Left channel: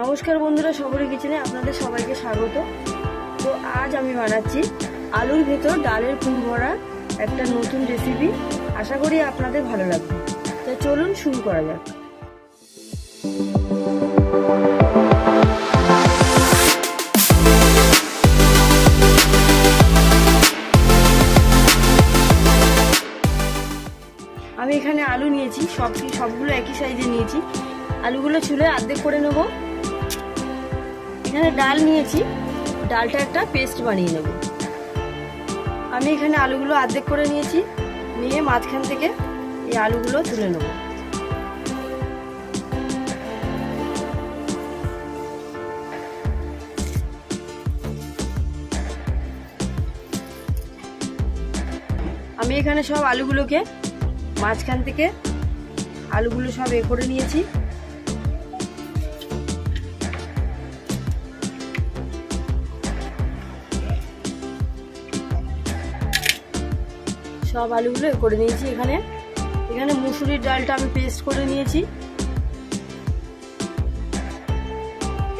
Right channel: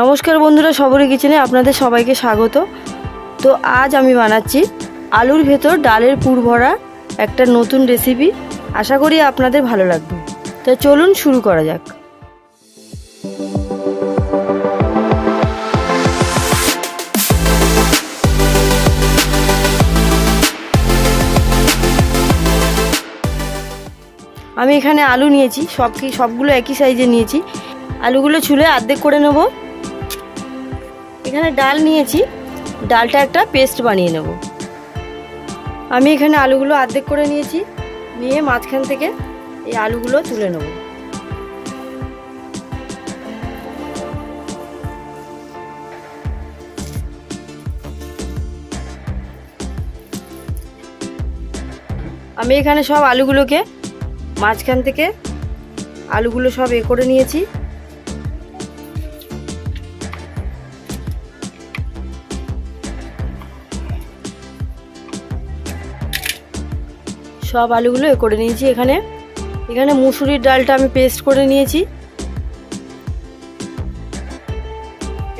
নমস্কার বন্ধুরা, সবরি কিচেনে আপনাদের সবাইকে স্বাগত। তো আজ আমি বানাচ্ছি আলুর ভেতর ডালের পুর ভরা একটা নতুন রেসিপি। আশা করি আপনাদের ভালো লাগবে। তো চলুন শুরু করা যাক। আমি এখানে আলু নিয়েছি, সবগুলো একই সাইজে নিয়েছি। আলুগুলো ছুলে অর্ধেক করে নেব। এখানে ডাল নিয়েছি, ডালটা একটা পেস্ট বানিয়ে নেব। আমি এখানে আলুগুলো অর্ধেক করে নিয়েছি, নিয়ে মাঝখান থেকে এই আলুগুলো তুলে নেব। আমি এখানে সব আলুগুলোকে মাঝখান থেকে আলুগুলো সব করে নিয়েছি। সব আলুগুলো করে নিয়েছি। এখানে মুসুরির ডালটা আমি পেস্ট করে নিয়েছি।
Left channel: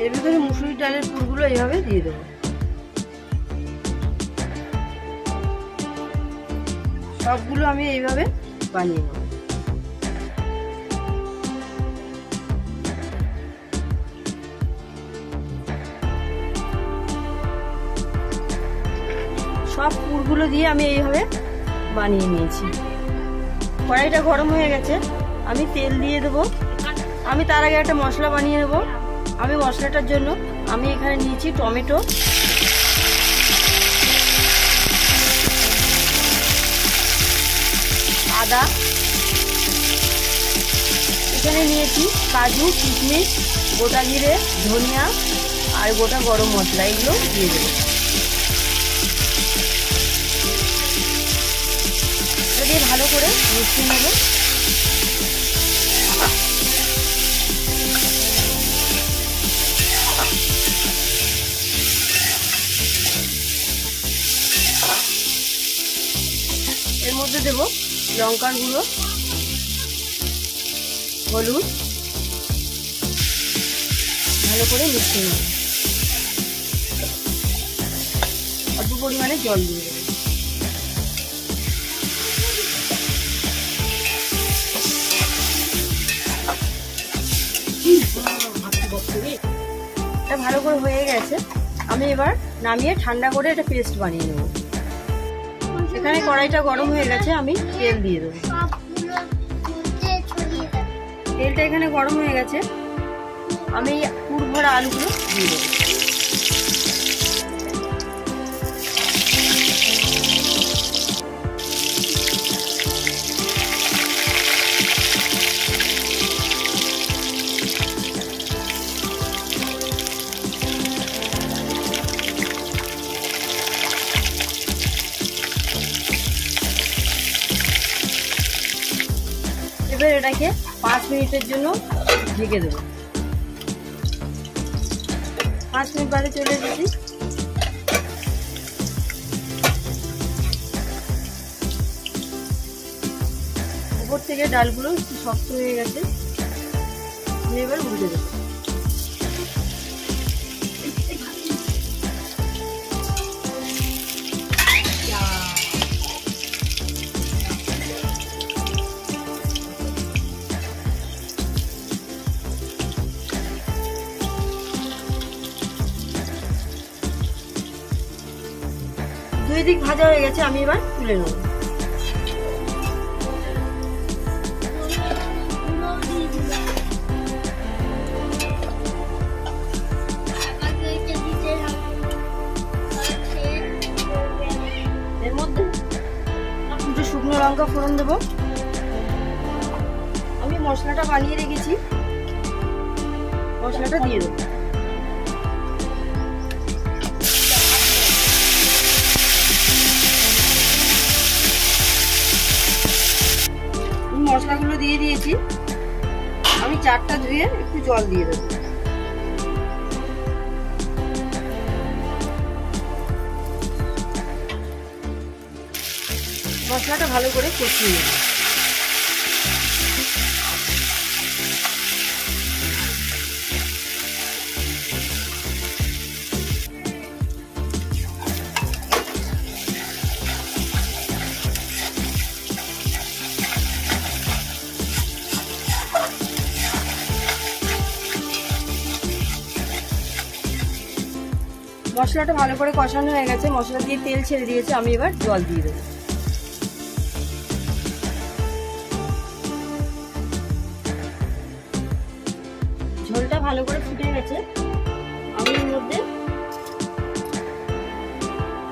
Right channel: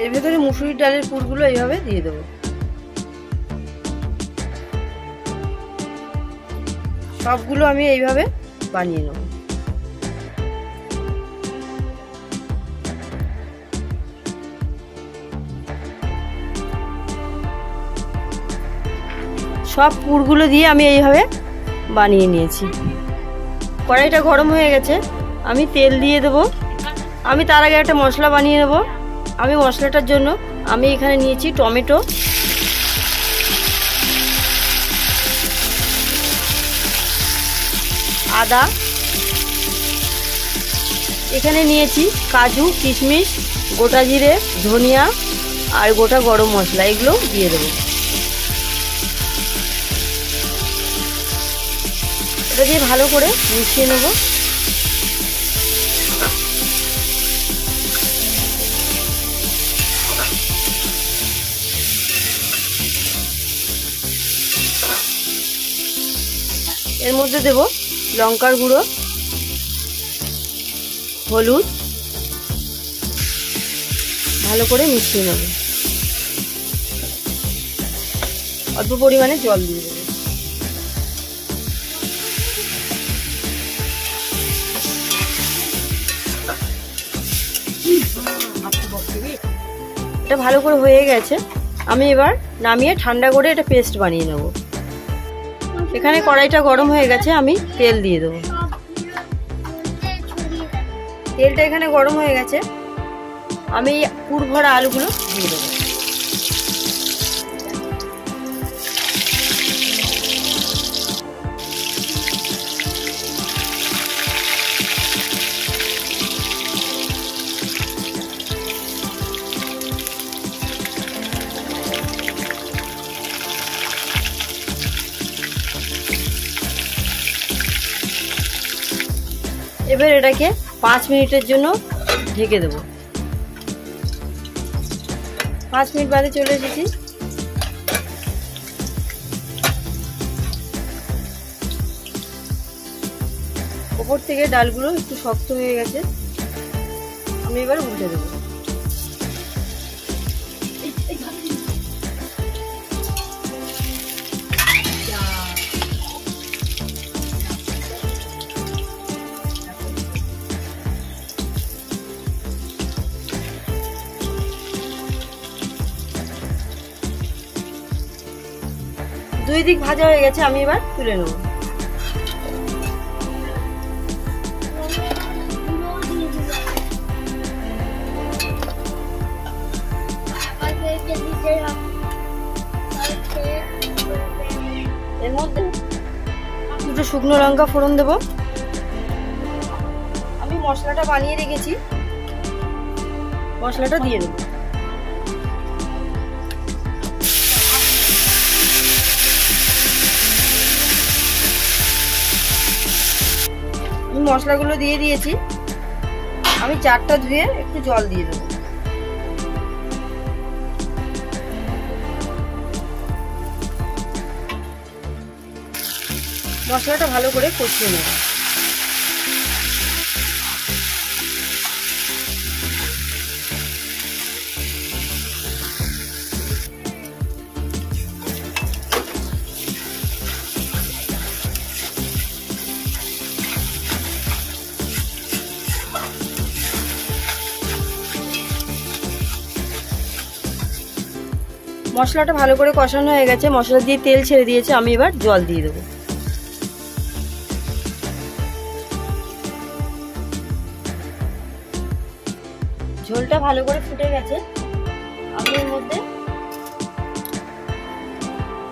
এর ভেতরে মুসুরির ডালের পুরগুলো এইভাবে দিয়ে দেবো। সবগুলো আমি এইভাবে বানিয়ে নেব। সব পুরগুলো দিয়ে আমি এইভাবে বানিয়ে নিয়েছি। কড়াইটা গরম হয়ে গেছে, আমি তেল দিয়ে দেবো। আমি তার আগে একটা মশলা বানিয়ে নেব। আমি মশলাটার জন্য আমি এখানে নিয়েছি টমেটো, আদা, এখানে নিয়েছি কাজু, কিশমিশ, গোটা জিরে, ধনিয়া আর গোটা গরম মশলা, এগুলো দিয়ে দেবো। এটা দিয়ে ভালো করে মিশিয়ে নেব। এর মধ্যে দেব লঙ্কার গুঁড়ো, হলুদ, ভালো করে মিশিয়ে নেব। অল্প পরিমাণে জল দিয়ে দেব। এটা ভালো করে হয়ে গেছে। আমি এবার নামিয়ে ঠান্ডা করে এটা পেস্ট বানিয়ে নেব। এখানে কড়াইটা গরম হয়ে গেছে, আমি তেল দিয়ে দেবো। তেলটা এখানে গরম হয়ে গেছে, আমি পুর ভরা আলুগুলো দিয়ে দেবো। এবার এটাকে 5 মিনিটের জন্য ঢেকে দেবো। 5 মিনিট বাদে চলে এসেছি। ওপর থেকে ডালগুলো একটু শক্ত হয়ে গেছে, আমি এবার উল্টে দেবো। দুই দিক ভাজা হয়ে গেছে, আমি এবার তুলে নেব। এর মধ্যে দুটো শুকনো লঙ্কা ফোড়ন দেব। আমি মশলাটা বানিয়ে রেখেছি, মশলাটা দিয়ে নেব। মশলাগুলো দিয়ে দিয়েছি, আমি 4টা ধুয়ে একটু জল দিয়ে দেবো। মশলাটা ভালো করে কষিয়ে নেব। মশলাটা ভালো করে কষানো হয়ে গেছে, মশলা দিয়ে তেল ছেড়ে দিয়েছে। আমি এবার জল দিয়ে দেবো। ঝোলটা ভালো করে ফুটে গেছে, আমি এর মধ্যে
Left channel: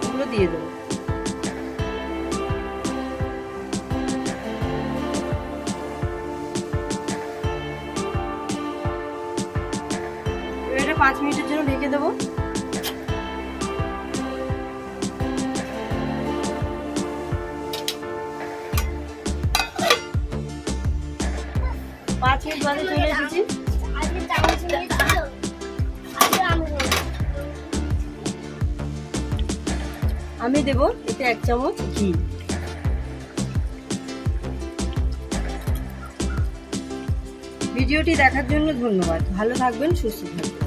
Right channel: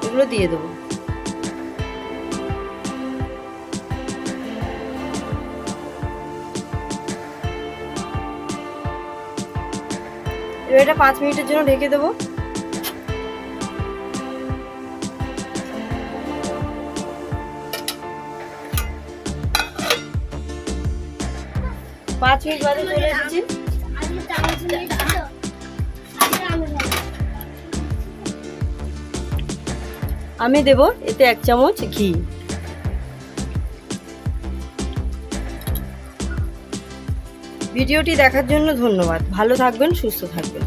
এগুলো দিয়ে দেবো। এটা 5 মিনিটের জন্য ঢেকে দেবো। 5 মিনিট বাদে চলে এসেছি। আমি দেব এতে 1 চামচ ঘি। ভিডিওটি দেখার জন্য ধন্যবাদ। ভালো থাকবেন, সুস্থ থাকবেন।